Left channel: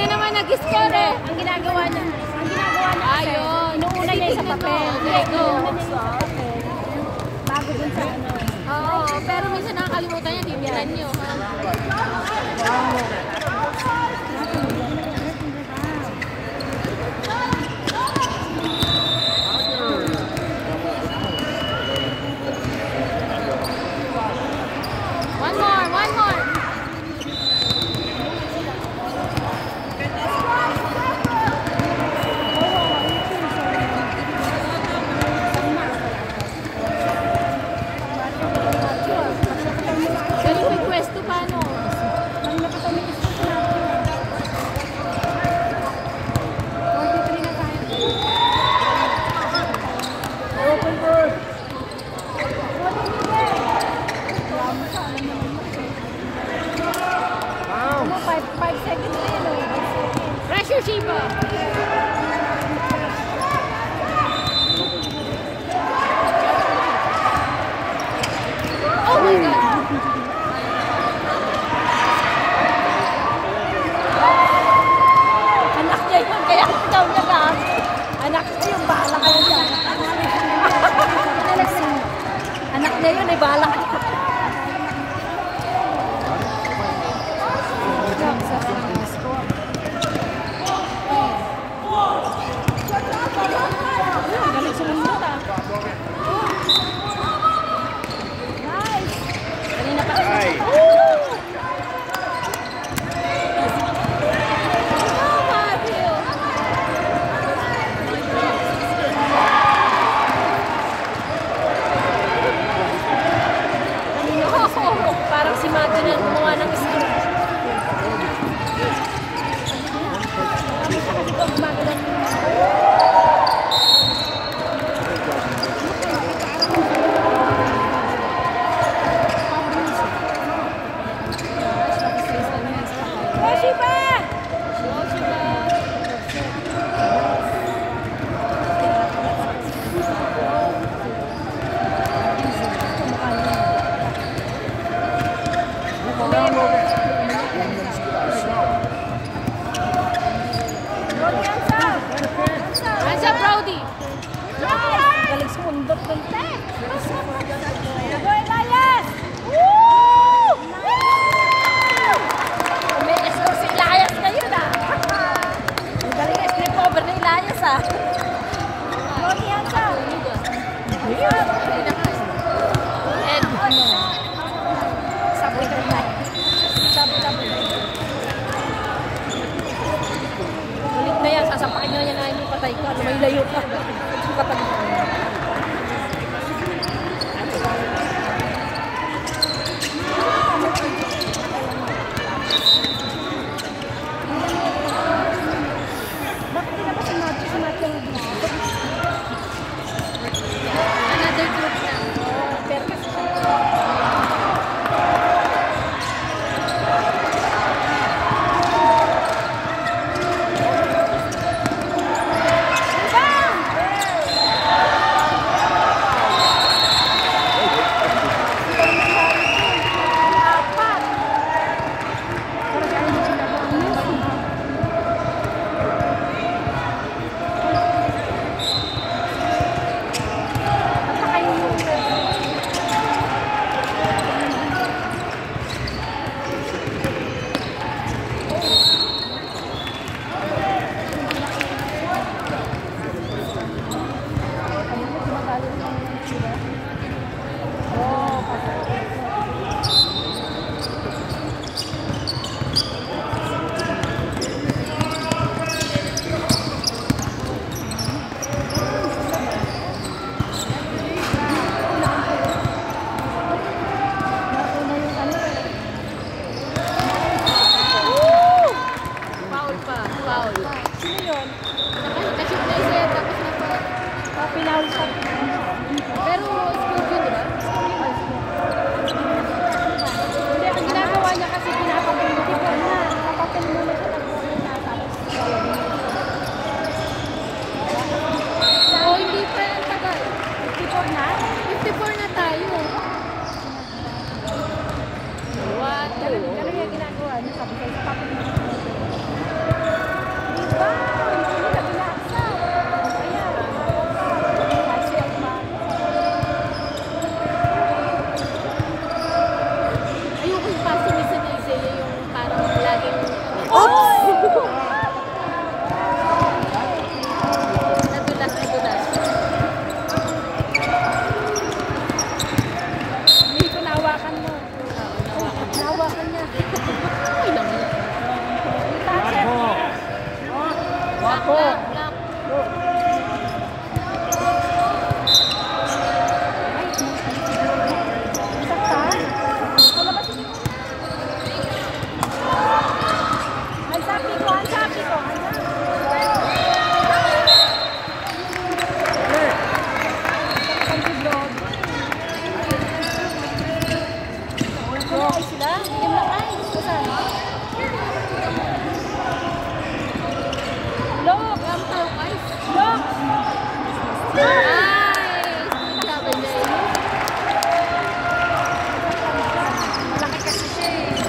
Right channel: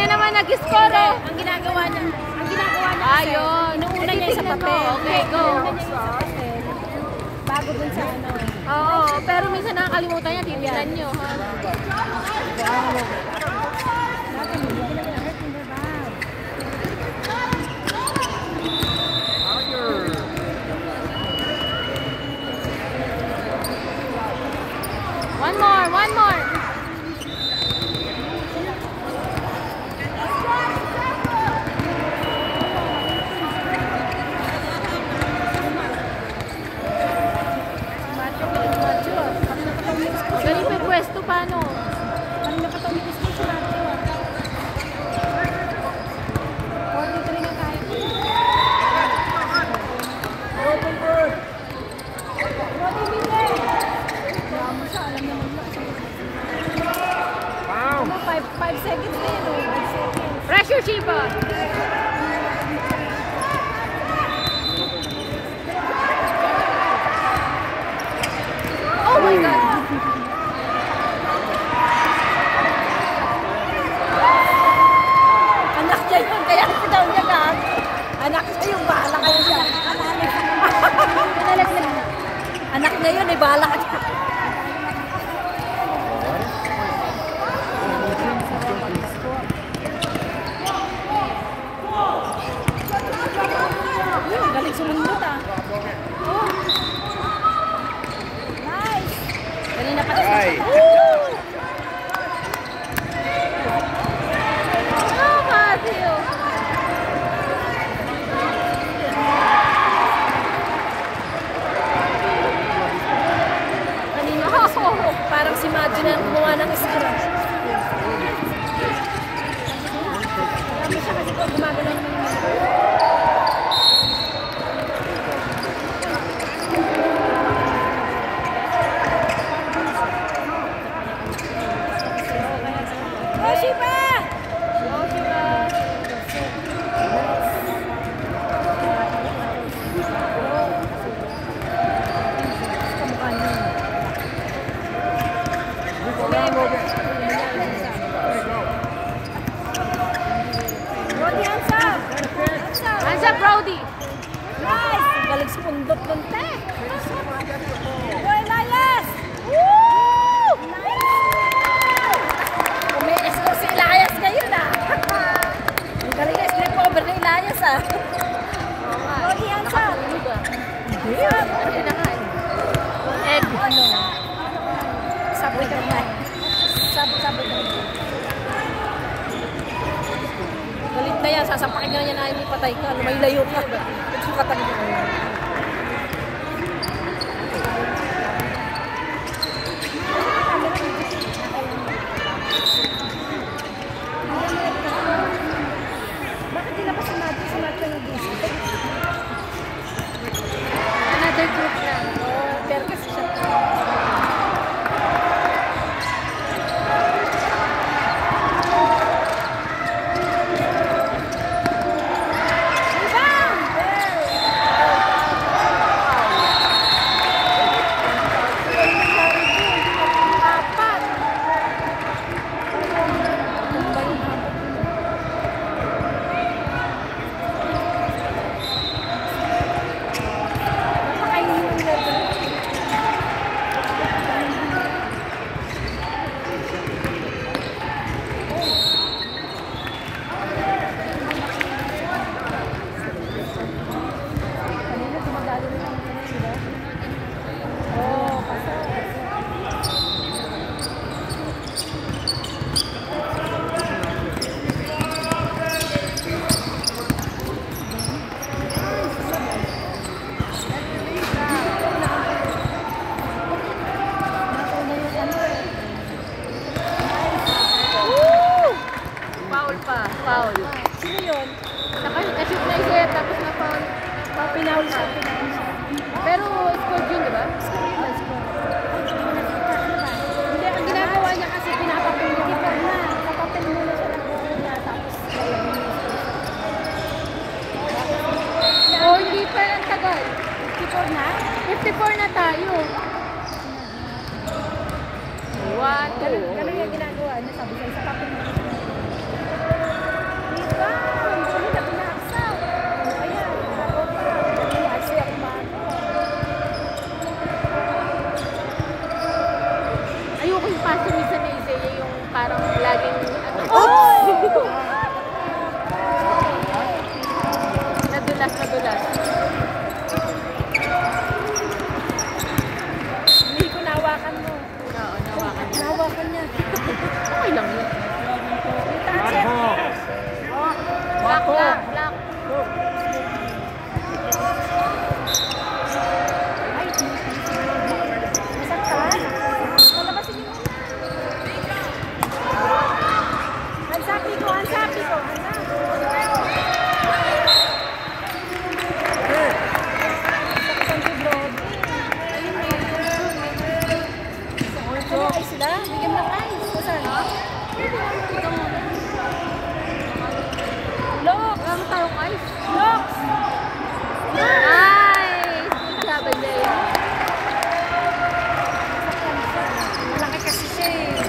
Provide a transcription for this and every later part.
na naman nag-score eh. Ang ginagawa niya. Ayun. Inuuna niya sa papel. Okay, go. Bago dun sa ano. Oo, pero minsan nakakalimutan niya, tinilan niyo. One more. Ganun may pwesto paano? Pressure, Shiba! Oh my God! Anak niya yun, kaya daw niya lang. Anak niya yung bahala kayo dyan. Anak niya yun, bahala kayo. Galing sumundot ah. Nice! Kanina pa kasi. Parang si Madge na gumawa ng score. What's up, Brody? Galing sumundot ng tek. May score si Elias ngayon ah. Ang galing na slip over ni Elias ah. Egg. Ano? Sabi ka na. Sabi. Ulit na yan, sasampakin nyo yan na hindi patay ka. May layo ka. Patay ka. Bakit di na pa sinat yung dito? Another group na. Pero kasi siya. Nadulas, nadulas. Hindi ko nahawakan mo. Oo, nawakan. Nahawakan niya. Okay lang yun. Lock, lock, lock. Wala mo tawag guys. Nice! Sabi niya yun. Malaki kasi siya eh.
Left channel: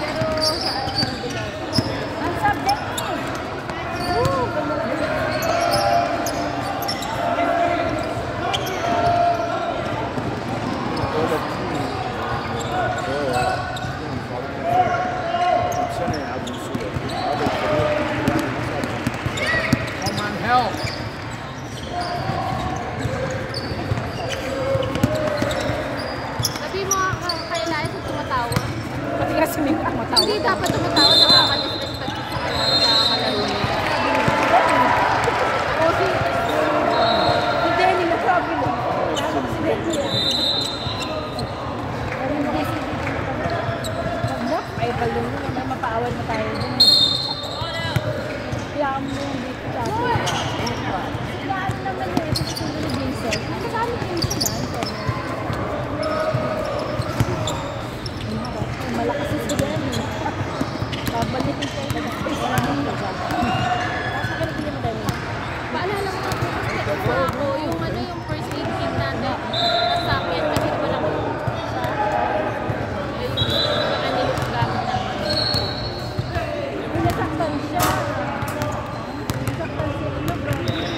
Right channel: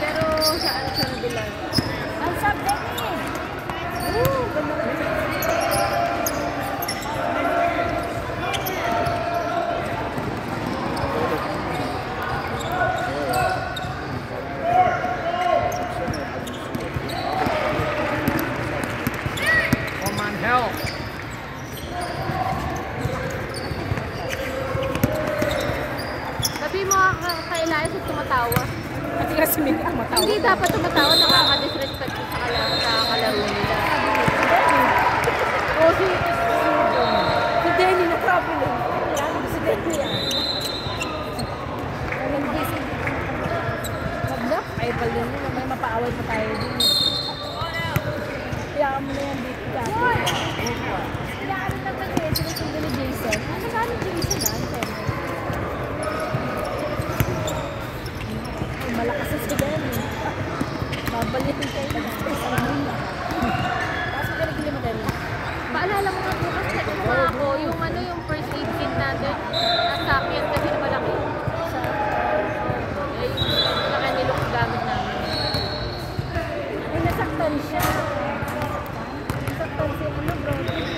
Pero sa dulas. Ang subject mo. Sabi mo, kailangan sa tumatawa. Pati kasi may matawa. Hindi dapat tumatawa, nakaka-disrespect sa kalaro nila. Kasi, Si Denny nagsabi na. Lalo na si Denny yan. Hindi si... Anak, ay pala yun. May mapaaway na tayo din. Kaya mo na yung dito ka. Kailangan naman yun. Sinusunod ni Jason. Saan yung Jason? Malakas si Denny. Babalikin kayo. paalala mo ako kasi ako, yung ano, yung first aid kit natin, nasa akin kasi malaki. Ay, malaki nilok gamit namin. Nasaktan siya. Nasaktan siya.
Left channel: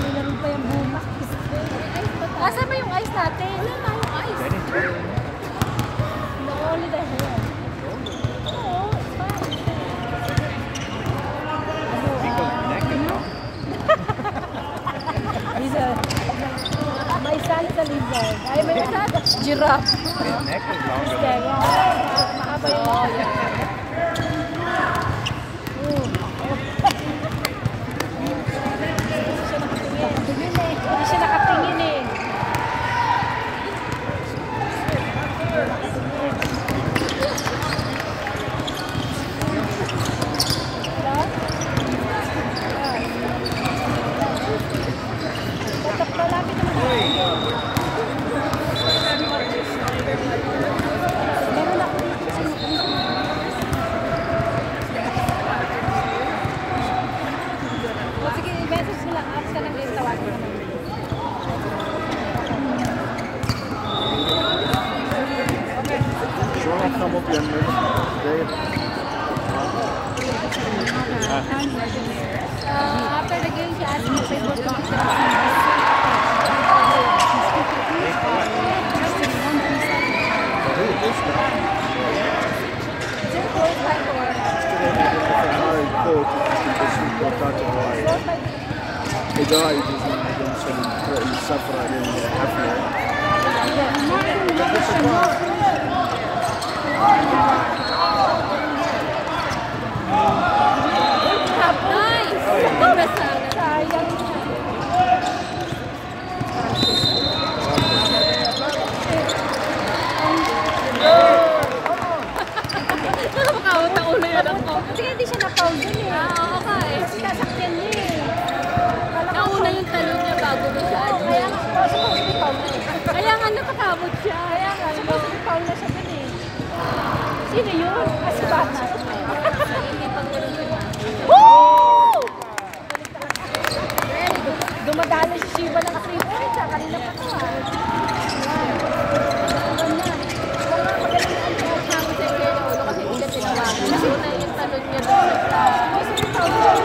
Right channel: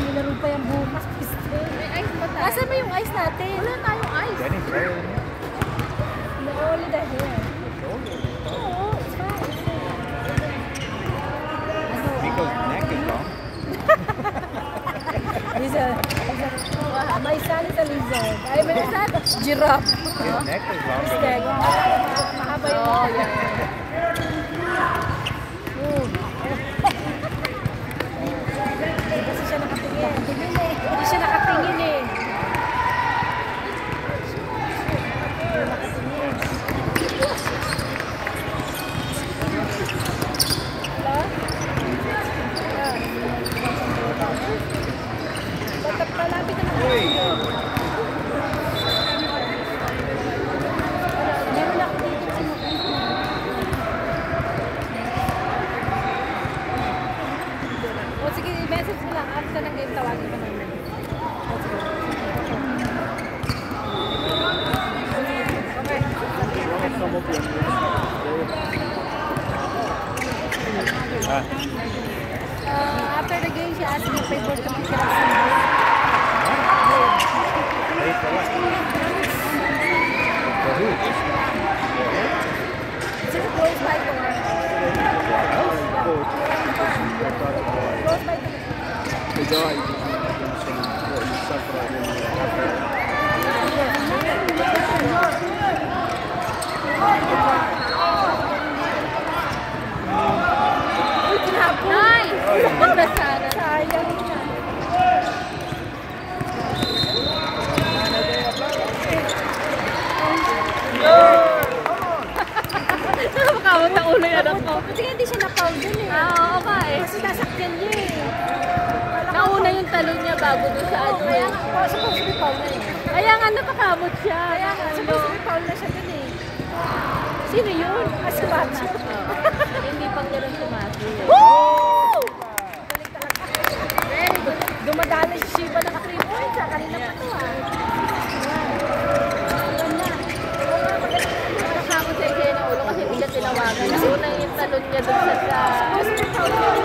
Nilaro pa yung bumas. May ice ba tayo? Nasaan ba yung ice natin? Wala tayong ice. No, only the hair. Oo, it's fine. Lizard. My son's a lizard. Ay, may son. Giraffe. His neck is longer Instead. than Mahaba yung Oh, neck. Kasi siya nakatingin. Hindi siya nakatingin eh. Malapit naman. Meron ako dito sa o sige, i-message mo lang. After ng game, tawagin mo. After the game, she asked me if I worked on the The guy what he suffered in Africa. Nice! Ganda sana. Sayang. Nakakawag na ulo yan ako. Sige, hindi siya na-proud yun eh. Ah, okay. Kasi nasakyan niya eh. Nauna yung talon niya bago niya siya Kaya admit. nga, supposed to be proud na eh. Kaya nga nakakamot siya. Kaya nga, supposed to be proud na siya dun eh. Sino yun? Si Macho. Hindi pa ko rin sinabi. Woo! Dumadali si Shiva ng 3 points. Kanina pa ito ah. Siya ako sa kaya ulo kasi hindi siya tinawagan. Kasi na yung talon niya doon sa class.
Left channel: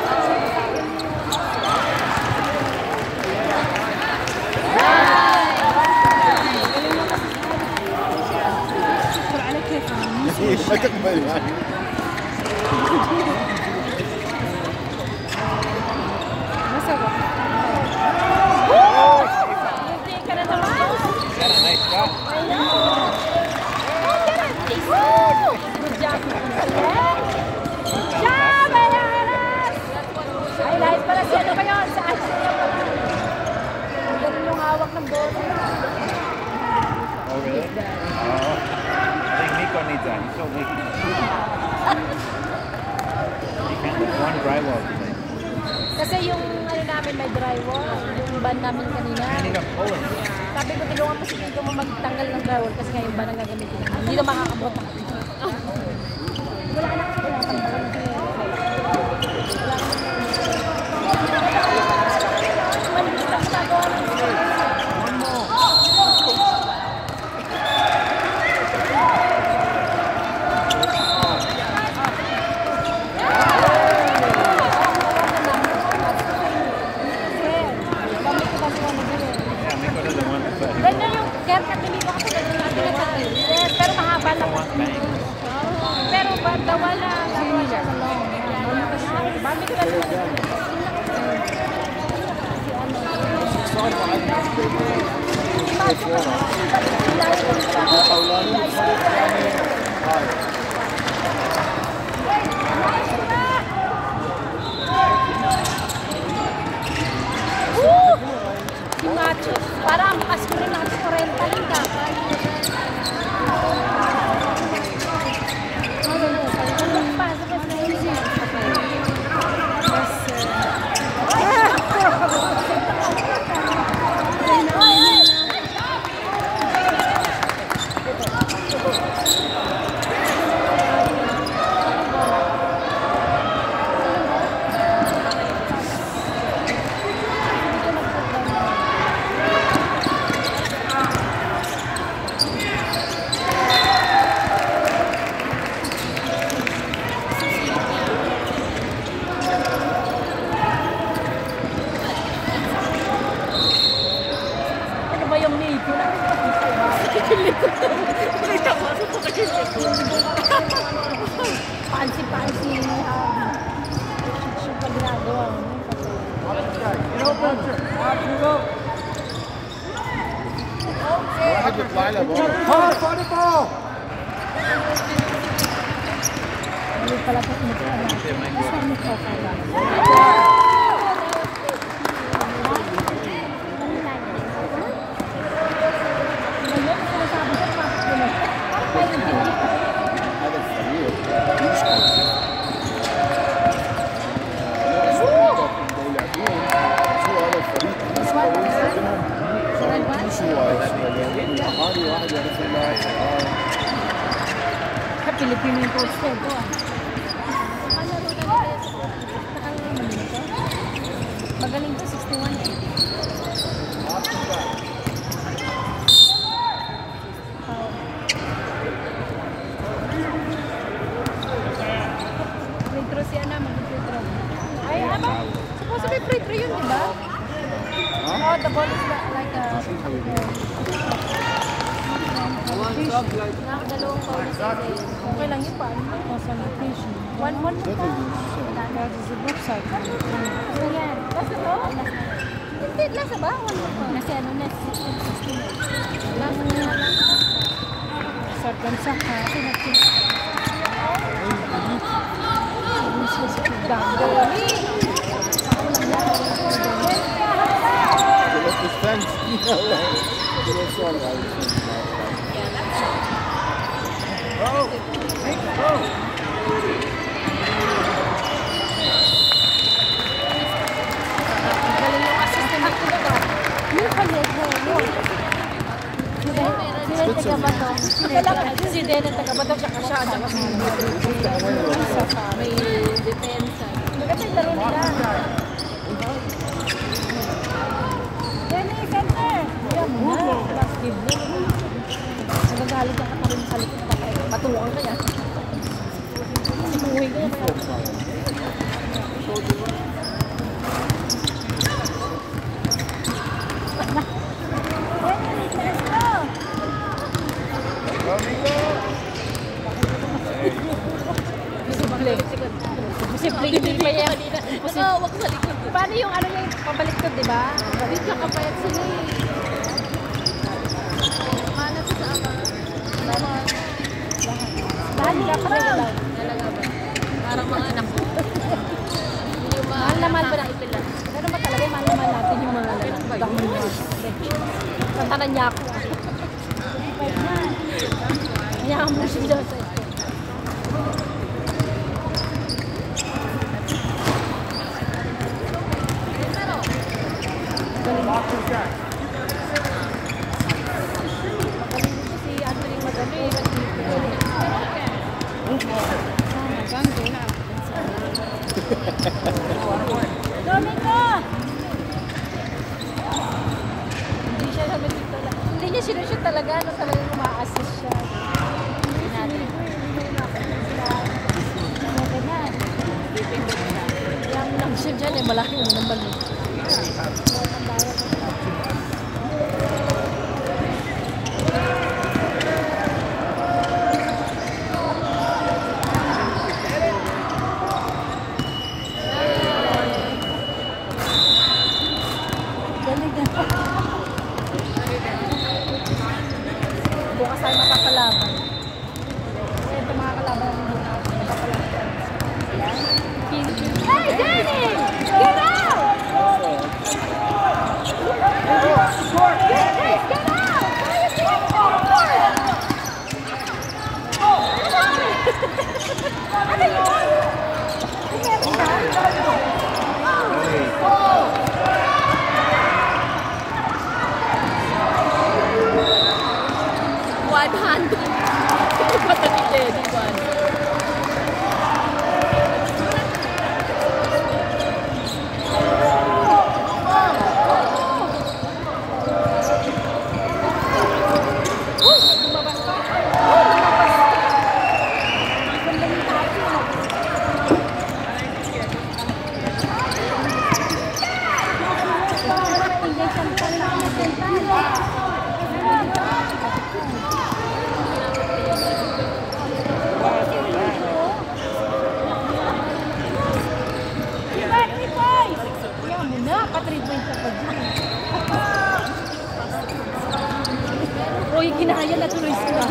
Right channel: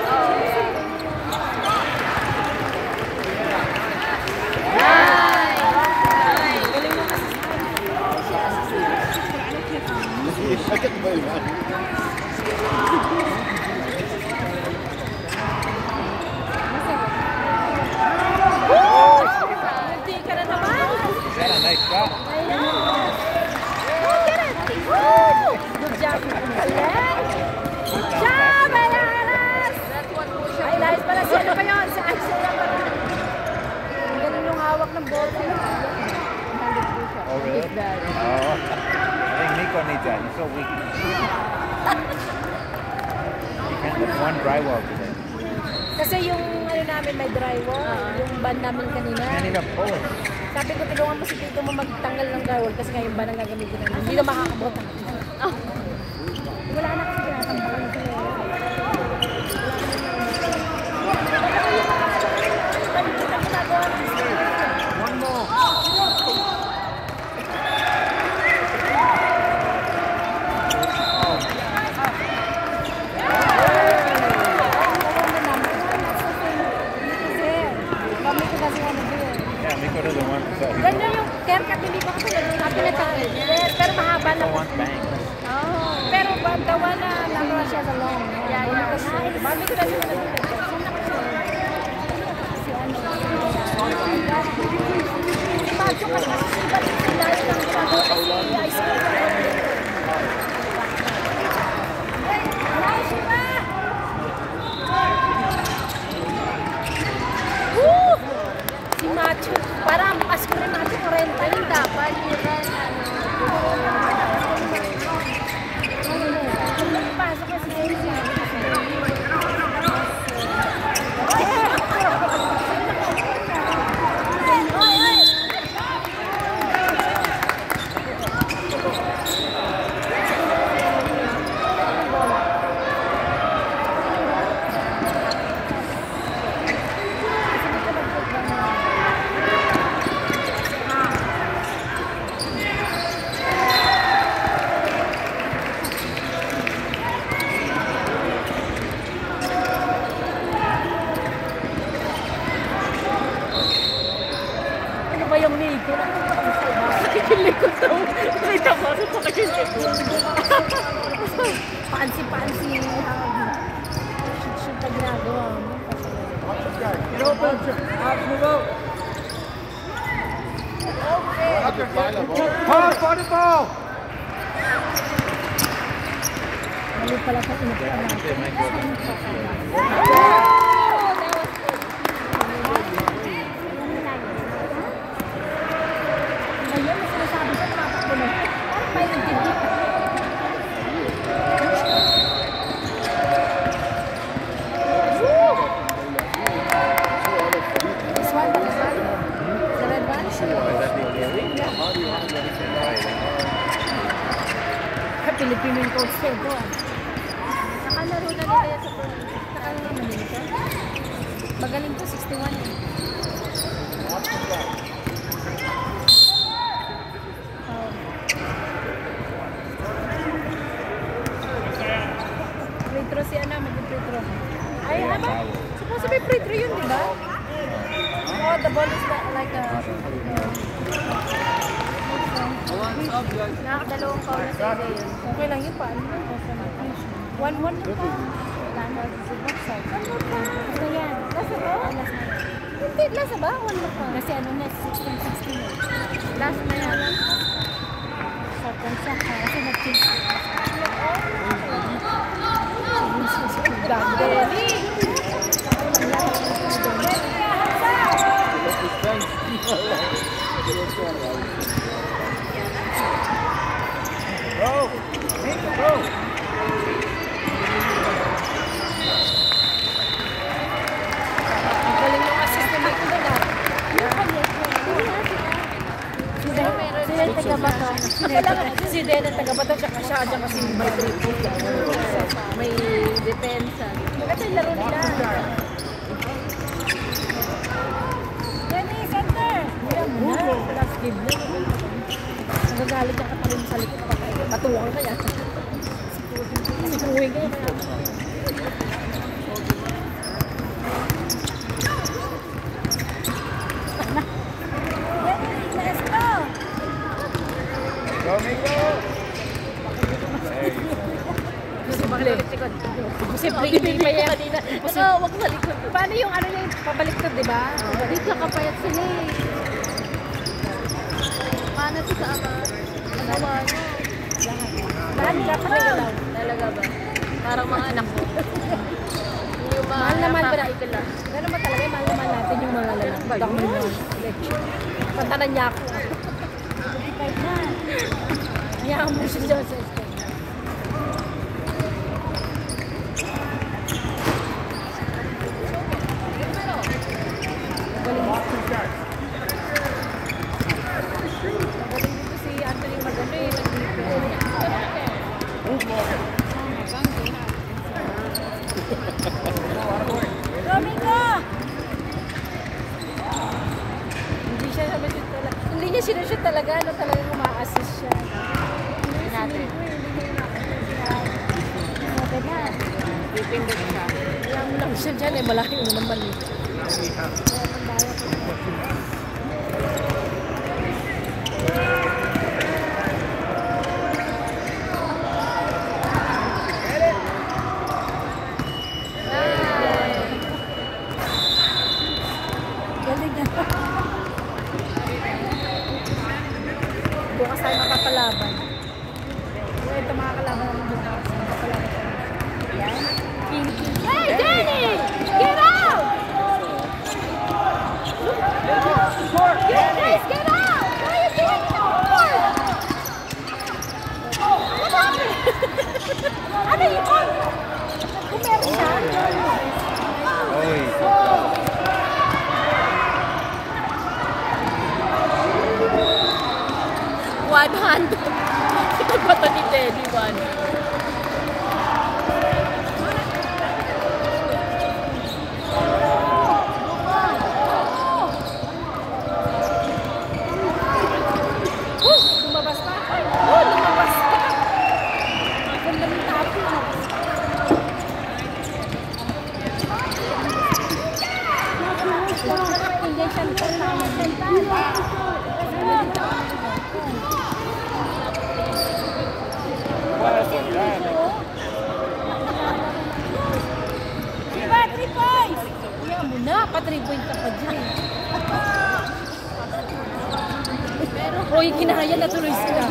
I couldn't move. one drywall. Kasi yung ano namin may drywall, yung van namin kanina. Kanina po. Sabi ko, tulungan mo si Tito mo magtanggal ng drywall kasi nga yung van ang gagamitin namin. Hindi na makakabot. Wala na kasi ganyan yung haircut dito kasi pinatanggal. Yes, pero mahaba na po. Pero banda wala na siya sa loob. Mami ko na siya. Si Macho, parang as ko rin natin 40 rin dapat. Yung meeting. Pansi-pansi yung ginagawa mo. Paano po? Hindi pala po Pilipino yung coach ko. Magaling to, 61 eh. Free throw si Ana, mag-free throw. Ay, ano? Supposed to be free throw yun, di ba? Oh, the ball is like a... Nakakadalawang foul na sila yun. Okay lang yun, paano lang? 1-1 na pa. Ano yan? Lasa ba? Hindi, lasa ba? 1 na pa. Kasi ano na, 16. Last na yan. Sartan sa kasi nag-kiss. Bago. Si Dede taga-Bato tsaka siya dyan kasi may depensa. Kasi laro nila. Yan yung isang na. Yan na. Last game na. Nagagalit ka katalong sa likod. Patulungan ka yan. Sinuwi ka yan. Simple yung may yan. Wag sa likod. Paano yung ano yung pabaliktad, di ba? Dito nakapalit sila eh. Paano sa ano? Lahat dapat may galaw. Talaga ba? Parang mga anak ko. Mahal naman ba na? Ano ba talaga? Mahal naman natin yung mga lalaki. Bagang mo. Pantanan niya ako. Hayaan mo siya sa Hindi siya sumishoot talaga. Hindi niya sinushoot talaga. Ano talaga ma-assist siya. Natin. Pipindot siya. Kaya mo lang siya dyan eh. Malaki mo naman eh. Galing na. Doon ka sa'yo makakalaban. Ito mga kalaban mo doon ako makakalaban. Hey, Danny! Get out! Guys, get out! Why are you taking the board? Ano yun? Meron ka? One hand. Ito ba ito ni Teddy? One. Lumabas ka. Lumabas ka. Ang ganda ng tapo. Kaya mo na, pa-3 point ka pa dyan. Uy, ginaya na tuloy sila.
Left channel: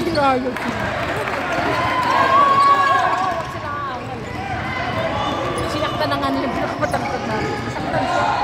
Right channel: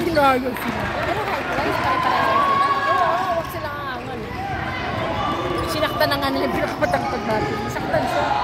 Ginaya sila. Sila kaawal. Sinaktan na nga nila yung pinakapatangkad natin. Saktan siya.